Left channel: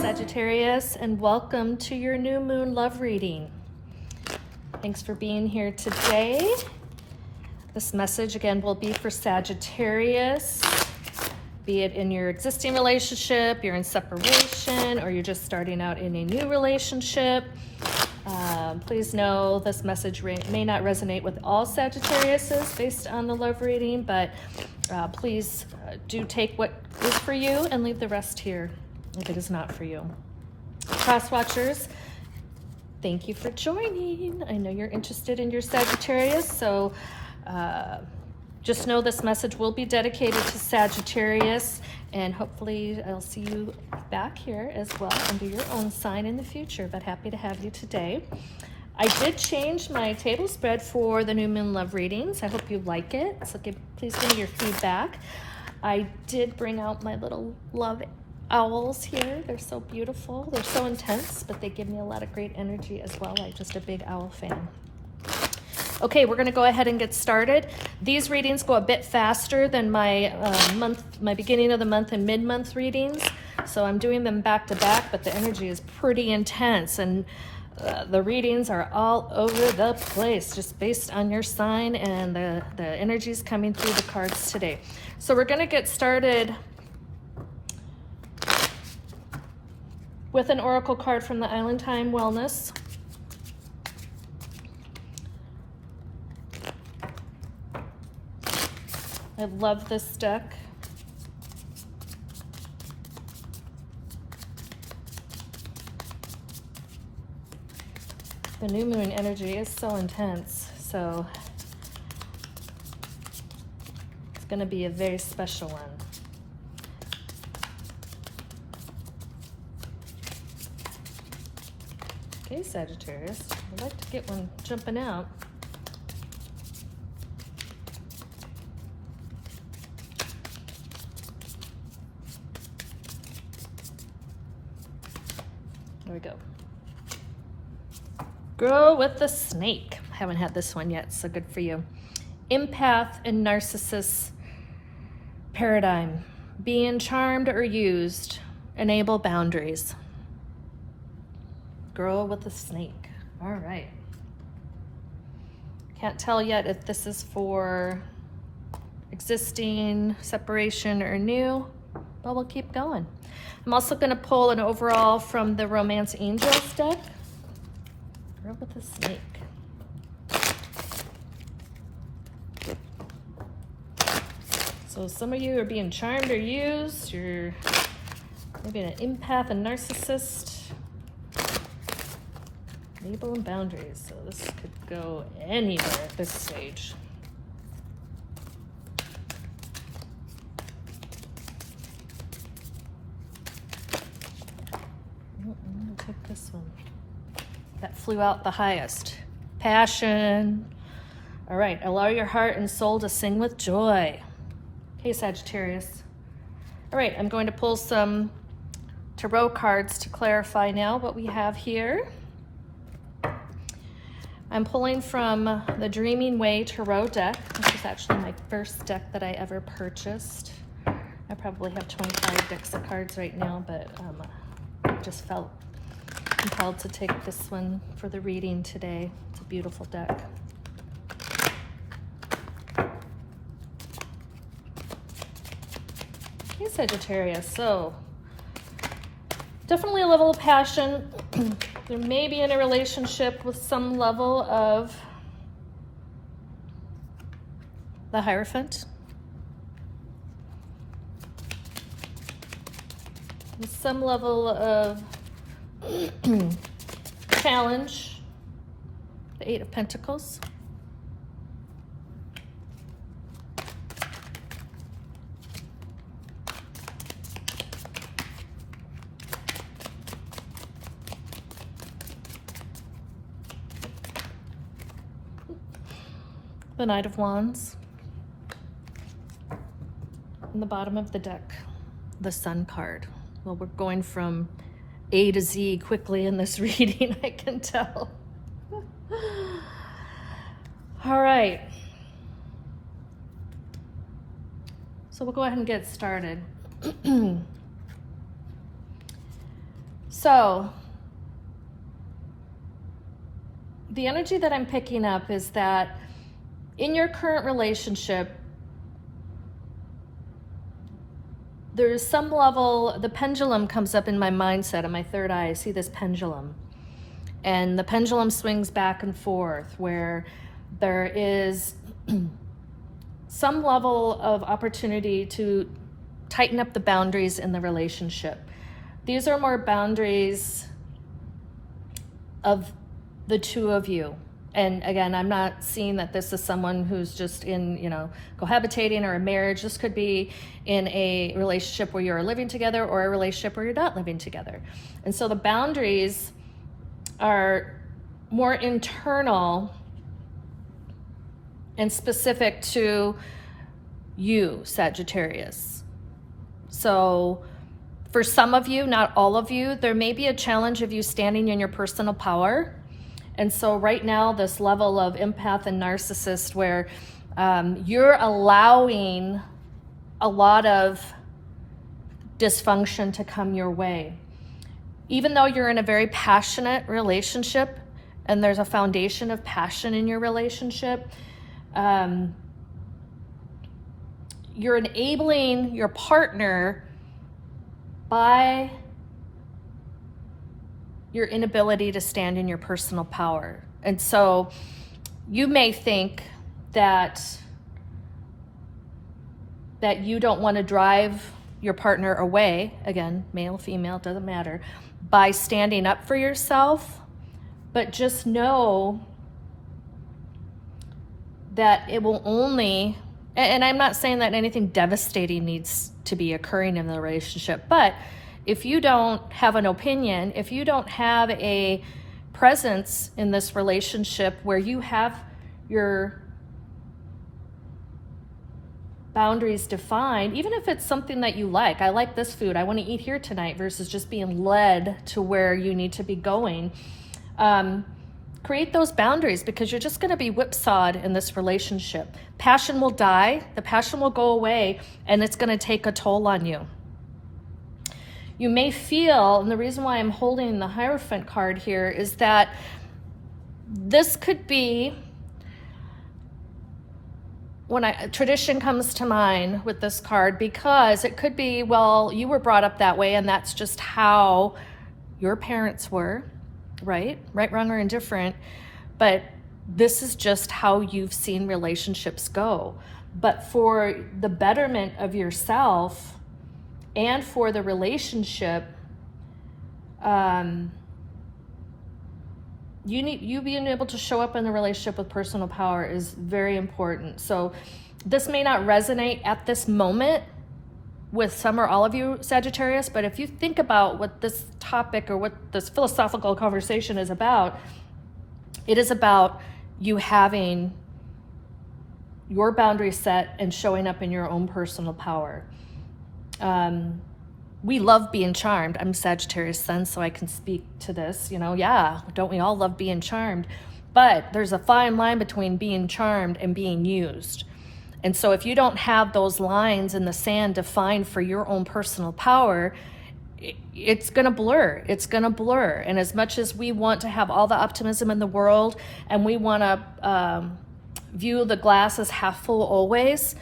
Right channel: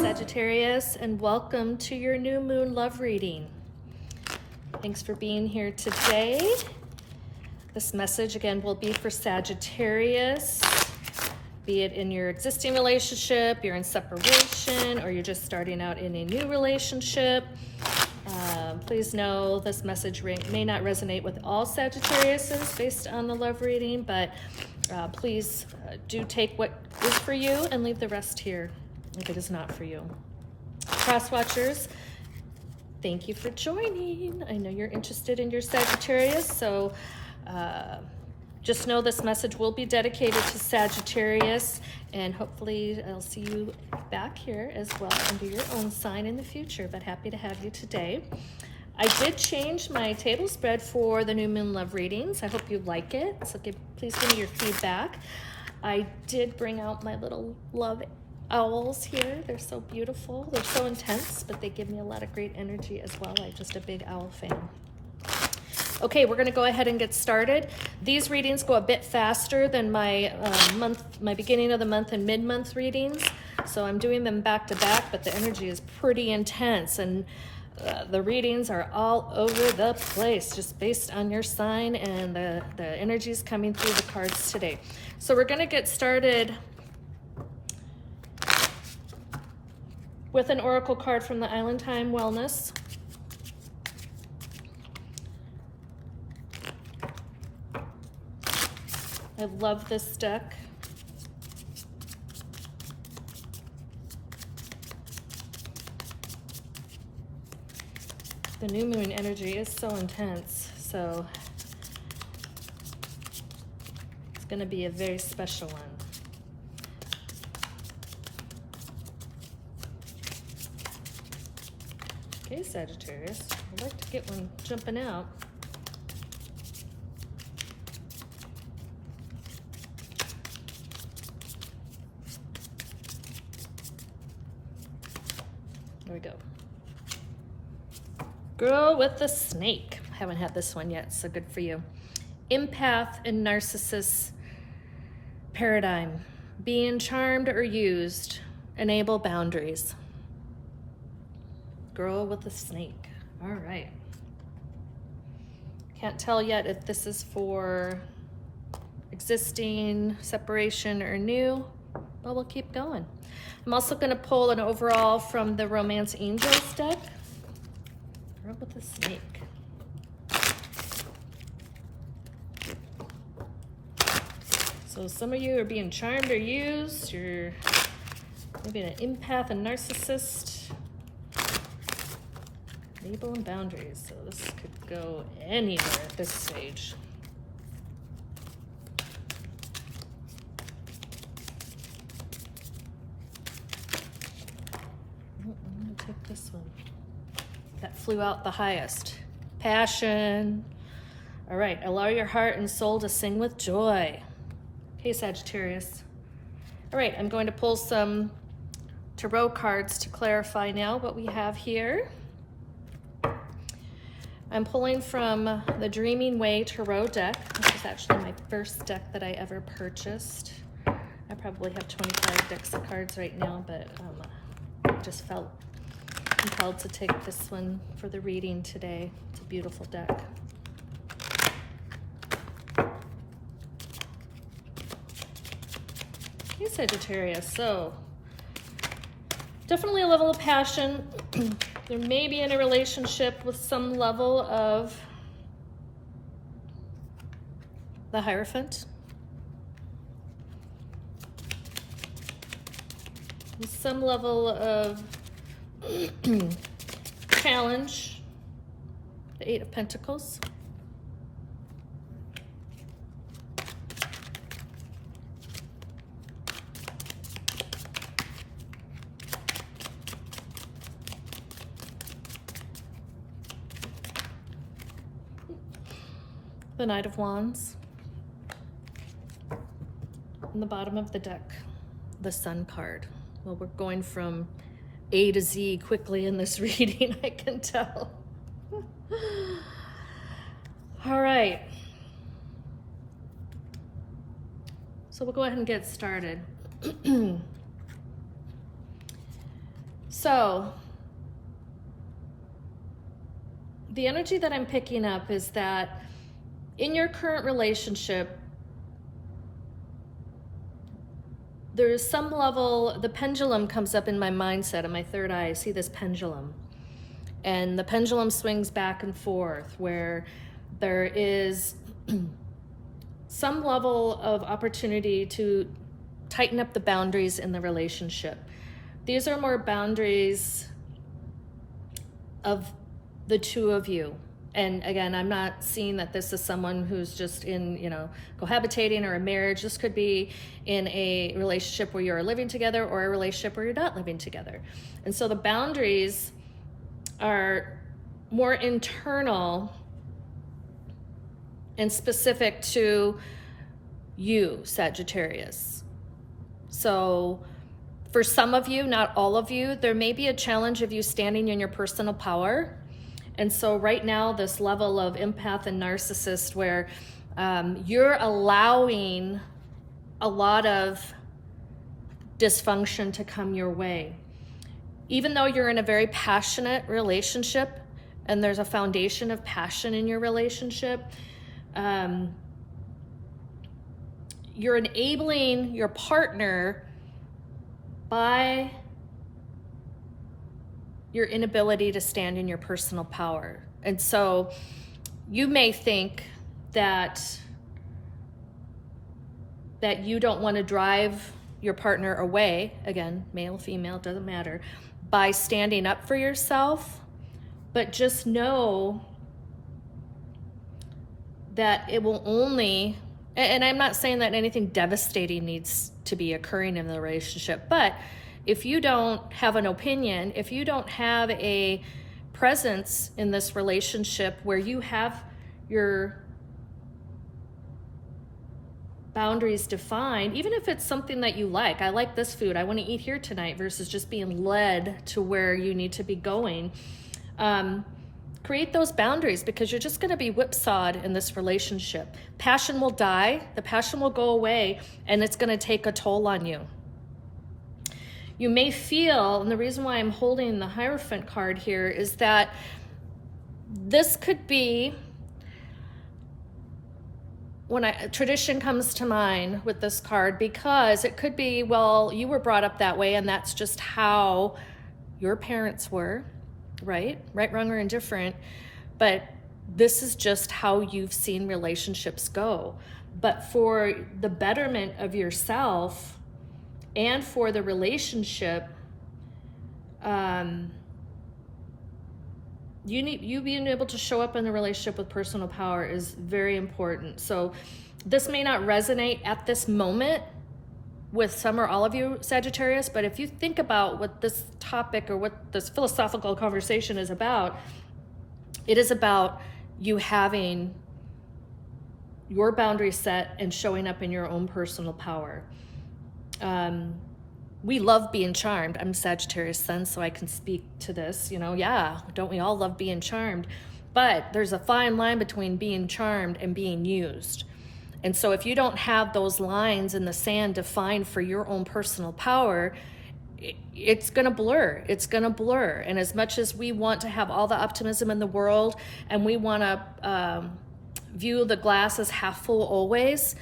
Sagittarius, and welcome to your new moon love reading. Thanks for being here today. This message again will be for Sagittarius, be it in your existing relationship, you're in separation, or you're just starting out in a new relationship. Please know this message may not resonate with all Sagittariuses based on the love reading, but please do take what is for you and leave the rest here if it is not for you. Cross watchers, thank you for joining. I know you're interested in your Sagittarius, so just know this message will be dedicated to Sagittarius, and hopefully I'll see you back here as well under your own sign in the future, but happy to have you today. I did change my table spread for the new moon love readings. I hope you like it, so please give me your feedback. I did bring out my little love owls here. They're so beautiful. They're so intense, but they give me a lot of great energy as well. I'm just a big owl fan. Okay, we're going to go ahead and get started. These readings go a bit faster than my my beginning of the month and mid-month readings, so I'm doing them back to back, but the energy is pretty intense, and the readings are all over the place, just based on your sign and the energies coming through the cards today. So we're going to get started with an oracle card from the Island Time Wellness. I love this deck. The new moon energy is so intense, so it's going to be a very special one. Okay, Sagittarius, I'd like to get one jumping out. There we go. Grow with the snake. Haven't had this one yet, so good for you. Empath and narcissist paradigm. Being charmed or used. Enable boundaries. Grow with the snake. All right. Can't tell yet if this is for existing, separation, or new, but we'll keep going. I'm also going to pull an overall from the Romance Angels deck. Grow with the snake. So some of you are being charmed or used. You're maybe an empath and narcissist. Enable and boundaries. So this could go anywhere at this stage. I'm going to take this one. That flew out the highest. Passion. All right, allow your heart and soul to sing with joy. Okay, Sagittarius. All right, I'm going to pull some tarot cards to clarify now what we have here. I'm pulling from the Dreaming Way Tarot deck. This is actually my first deck that I ever purchased. I probably have 25 decks of cards right now, but I just felt compelled to take this one for the reading today. It's a beautiful deck. Okay, Sagittarius, so definitely a level of passion. You may be in a relationship with some level of the Hierophant. With some level of challenge, the Eight of Pentacles. The Knight of Wands. And the bottom of the deck, the Sun card. Well, we're going from A to Z quickly in this reading, I can tell. All right. So we'll go ahead and get started. So, the energy that I'm picking up is that in your current relationship, there's some level, the pendulum comes up in my mindset, in my third eye. I see this pendulum. And the pendulum swings back and forth where there is some level of opportunity to tighten up the boundaries in the relationship. These are more boundaries of the two of you. And again, I'm not seeing that this is someone who's just in, cohabitating or a marriage. This could be in a relationship where you're living together or a relationship where you're not living together. And so the boundaries are more internal and specific to you, Sagittarius. So for some of you, not all of you, there may be a challenge of you standing in your personal power. And so right now, this level of empath and narcissist where you're allowing a lot of dysfunction to come your way. Even though you're in a very passionate relationship and there's a foundation of passion in your relationship, you're enabling your partner by your inability to stand in your personal power. And so you may think that you don't want to drive your partner away, again, male, female, doesn't matter, by standing up for yourself, but just know that it will only, and I'm not saying that anything devastating needs to be occurring in the relationship, but if you don't have an opinion, if you don't have a presence in this relationship where you have your boundaries defined, even if it's something that you like, I like this food, I want to eat here tonight, versus just being led to where you need to be going, create those boundaries, because you're just going to be whipsawed in this relationship. Passion will die, the passion will go away, and it's going to take a toll on you. You may feel, and the reason why I'm holding the Hierophant card here is that this could be, when tradition comes to mind with this card, because it could be, well, you were brought up that way and that's just how your parents were, right? Right, wrong, or indifferent. But this is just how you've seen relationships go. But for the betterment of yourself and for the relationship, you being able to show up in the relationship with personal power is very important. So this may not resonate at this moment with some or all of you, Sagittarius, but if you think about what this topic or what this philosophical conversation is about, it is about you having your boundaries set and showing up in your own personal power. We love being charmed. I'm Sagittarius sun, so I can speak to this, yeah, don't we all love being charmed? But there's a fine line between being charmed and being used. And so if you don't have those lines in the sand defined for your own personal power, it's going to blur. It's going to blur. And as much as we want to have all the optimism in the world and we want to view the glass as half full always,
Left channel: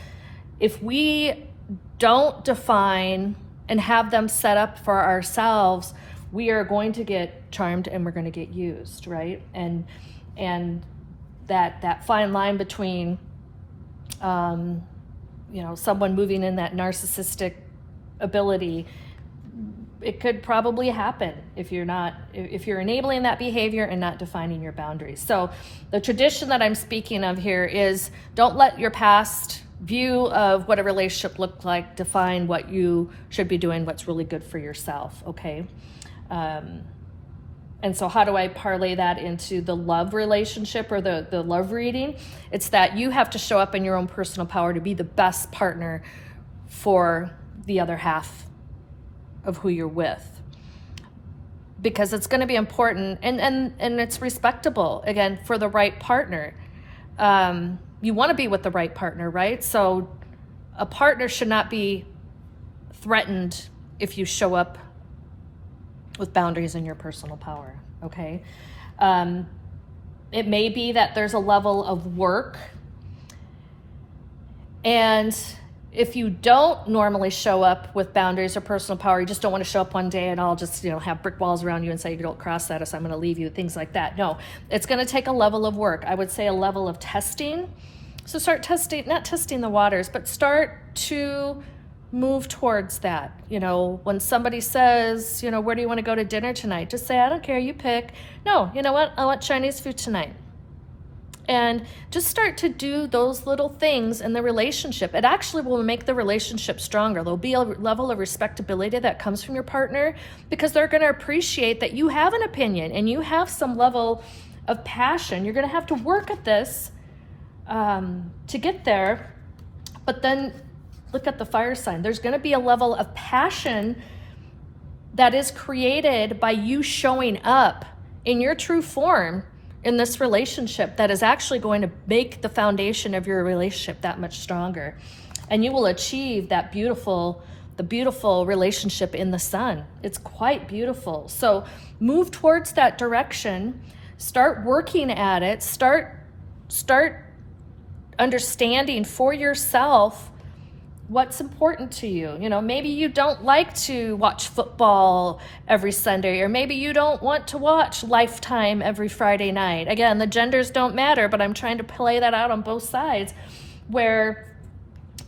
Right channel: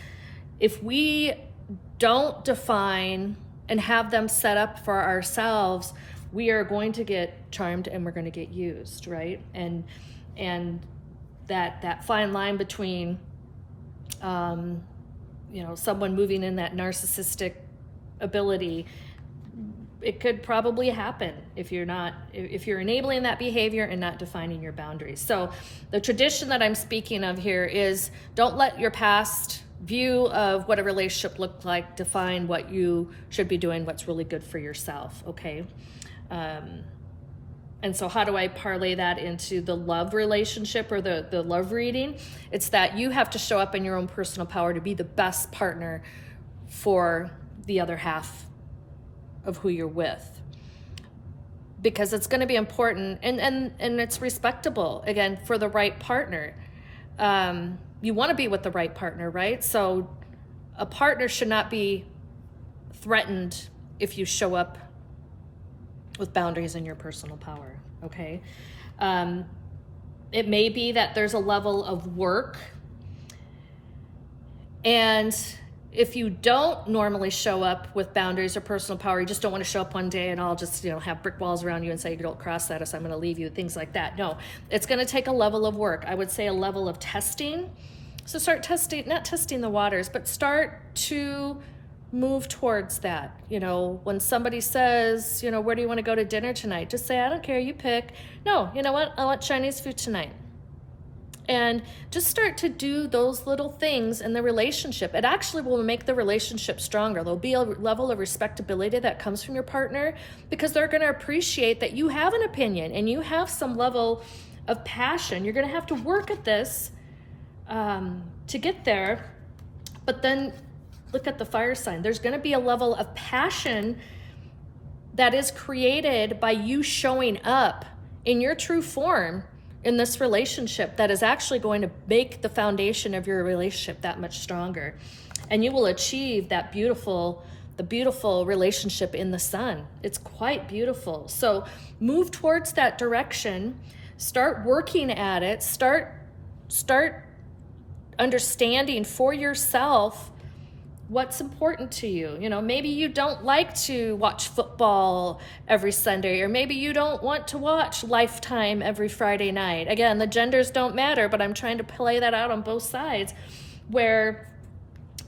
if we don't define and have them set up for ourselves, we are going to get charmed and we're going to get used, right? And that fine line between someone moving in that narcissistic ability, it could probably happen if you're enabling that behavior and not defining your boundaries. So the tradition that I'm speaking of here is, don't let your past view of what a relationship looked like define what you should be doing, what's really good for yourself, okay? And so how do I parlay that into the love relationship or the love reading? It's that you have to show up in your own personal power to be the best partner for the other half of who you're with, because it's going to be important, and it's respectable, again, for the right partner. You want to be with the right partner, right? So a partner should not be threatened if you show up with boundaries in your personal power, okay? It may be that there's a level of work, and if you don't normally show up with boundaries or personal power, you just don't want to show up one day and I'll just, have brick walls around you and say, you don't cross that, so I'm going to leave you, things like that. No, it's going to take a level of work. I would say a level of testing. So start testing, not testing the waters, but start to move towards that. When somebody says, where do you want to go to dinner tonight? Just say, I don't care, you pick. No, you know what? I want Chinese food tonight. And just start to do those little things in the relationship. It actually will make the relationship stronger. There'll be a level of respectability that comes from your partner, because they're going to appreciate that you have an opinion and you have some level of passion. You're going to have to work at this to get there. But then look at the fire sign. There's going to be a level of passion that is created by you showing up in your true form in this relationship, that is actually going to make the foundation of your relationship that much stronger. And you will achieve the beautiful relationship in the sun. It's quite beautiful. So move towards that direction, start working at it, start understanding for yourself what's important to you. Maybe you don't like to watch football every Sunday, or maybe you don't want to watch Lifetime every Friday night. Again, the genders don't matter, but I'm trying to play that out on both sides, where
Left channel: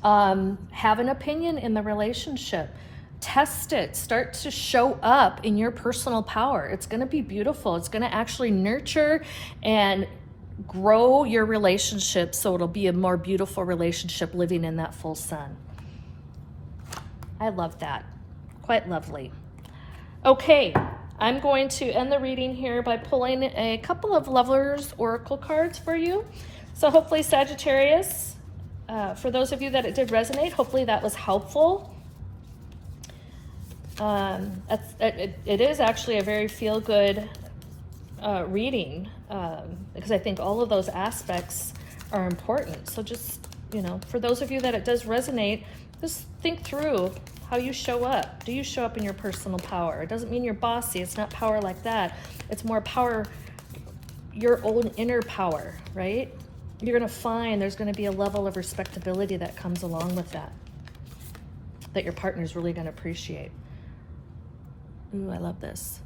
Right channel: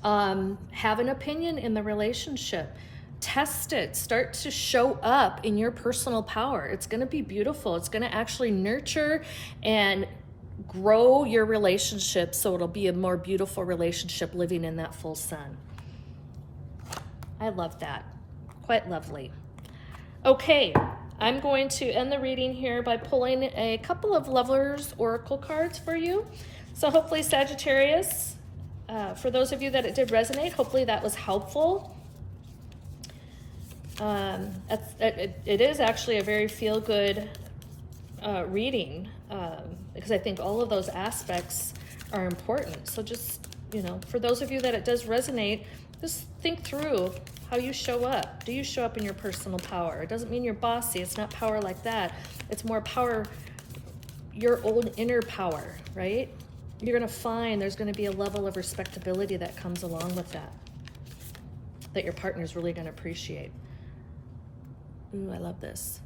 have an opinion in the relationship. Test it. Start to show up in your personal power. It's going to be beautiful. It's going to actually nurture and grow your relationship, so it'll be a more beautiful relationship living in that full sun. I love that. Quite lovely. Okay, I'm going to end the reading here by pulling a couple of Lovers Oracle cards for you. So hopefully, Sagittarius, for those of you that it did resonate, hopefully that was helpful. It is actually a very feel-good reading, because I think all of those aspects are important. So just, for those of you that it does resonate, just think through how you show up. Do you show up in your personal power? It doesn't mean you're bossy. It's not power like that. It's more power, your own inner power, right? You're going to find there's going to be a level of respectability that comes along with that your partner's really going to appreciate. Ooh, I love this.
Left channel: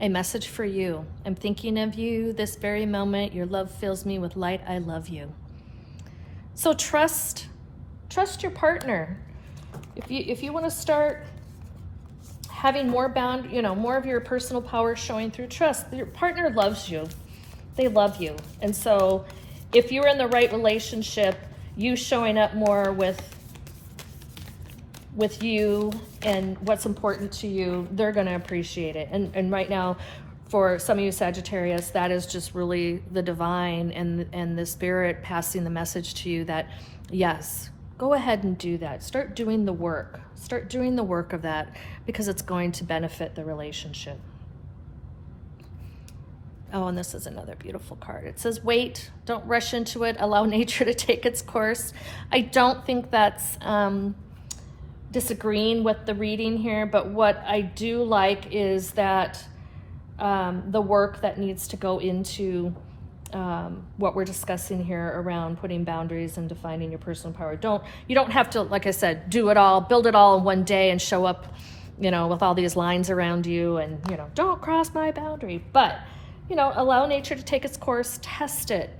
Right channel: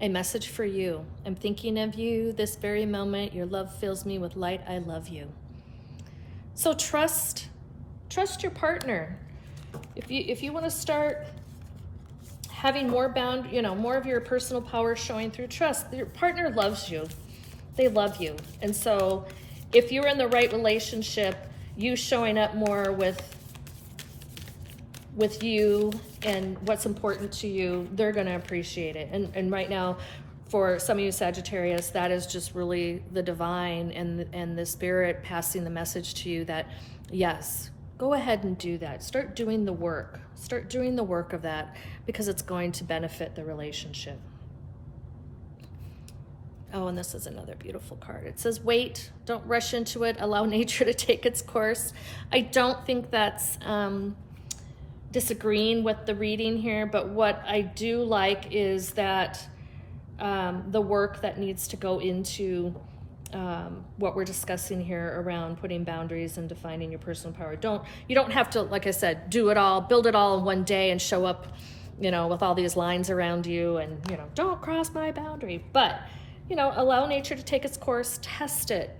A message for you. I'm thinking of you this very moment. Your love fills me with light. I love you. So trust your partner. If you want to start having more more of your personal power showing through trust, your partner loves you. They love you. And so if you're in the right relationship, you showing up more with you and what's important to you, they're going to appreciate it. And right now, for some of you Sagittarius, that is just really the divine and the spirit passing the message to you that, yes, go ahead and do that. Start doing the work. Start doing the work of that, because it's going to benefit the relationship. Oh, and this is another beautiful card. It says, wait, don't rush into it. Allow nature to take its course. I don't think that's disagreeing with the reading here, but what I do like is that the work that needs to go into what we're discussing here around putting boundaries and defining your personal power. You don't have to, like I said, do it all, build it all in one day and show up, with all these lines around you and, don't cross my boundary. But, allow nature to take its course, test it.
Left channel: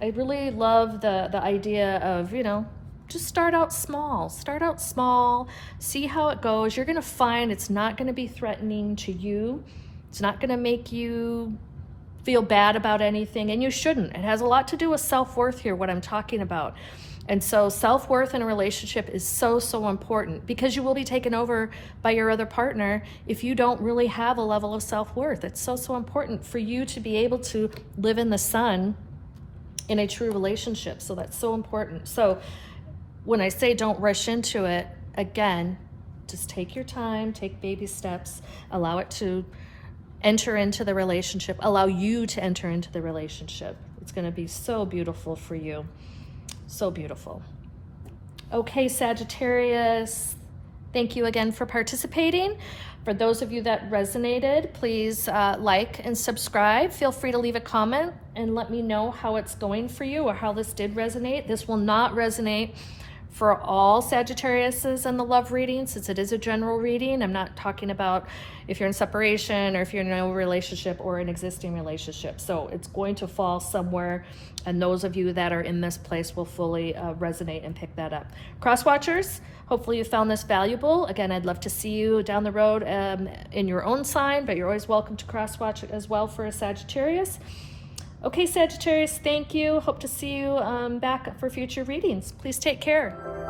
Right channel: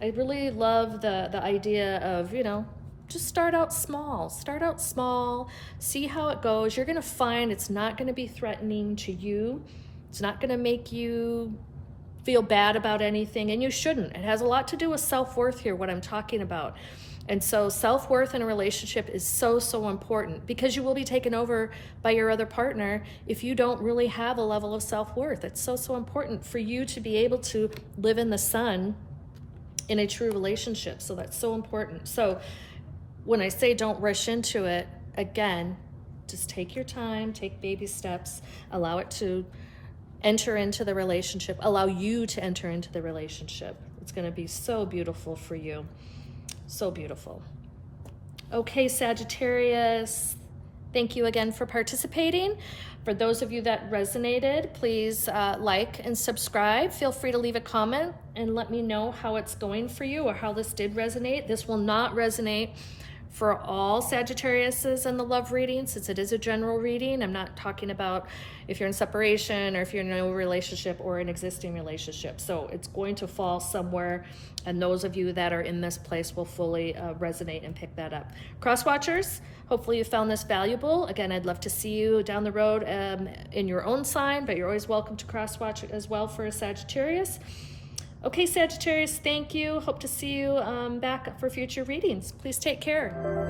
I really love the idea of, just start out small, see how it goes. You're going to find it's not going to be threatening to you. It's not going to make you feel bad about anything, and you shouldn't. It has a lot to do with self-worth here, what I'm talking about. And so self-worth in a relationship is so, so important, because you will be taken over by your other partner if you don't really have a level of self-worth. It's so, so important for you to be able to live in the sun in a true relationship. So that's so important. So when I say don't rush into it, again, Just take your time, take baby steps, allow it to enter into the relationship, allow you to enter into the relationship. It's going to be so beautiful for you. So beautiful. Okay, Sagittarius, thank you again for participating. For those of you that resonated, please like and subscribe. Feel free to leave a comment and let me know how it's going for you or how this did resonate. This will not resonate for all Sagittariuses in the love reading, since it is a general reading. I'm not talking about if you're in separation or if you're in no relationship or an existing relationship. So it's going to fall somewhere, and those of you that are in this place will fully resonate and pick that up. Cross watchers, hopefully you found this valuable. Again, I'd love to see you down the road in your own sign, but you're always welcome to cross watch as well for a Sagittarius. Okay, Sagittarius, thank you. Hope to see you back for future readings. Please take care.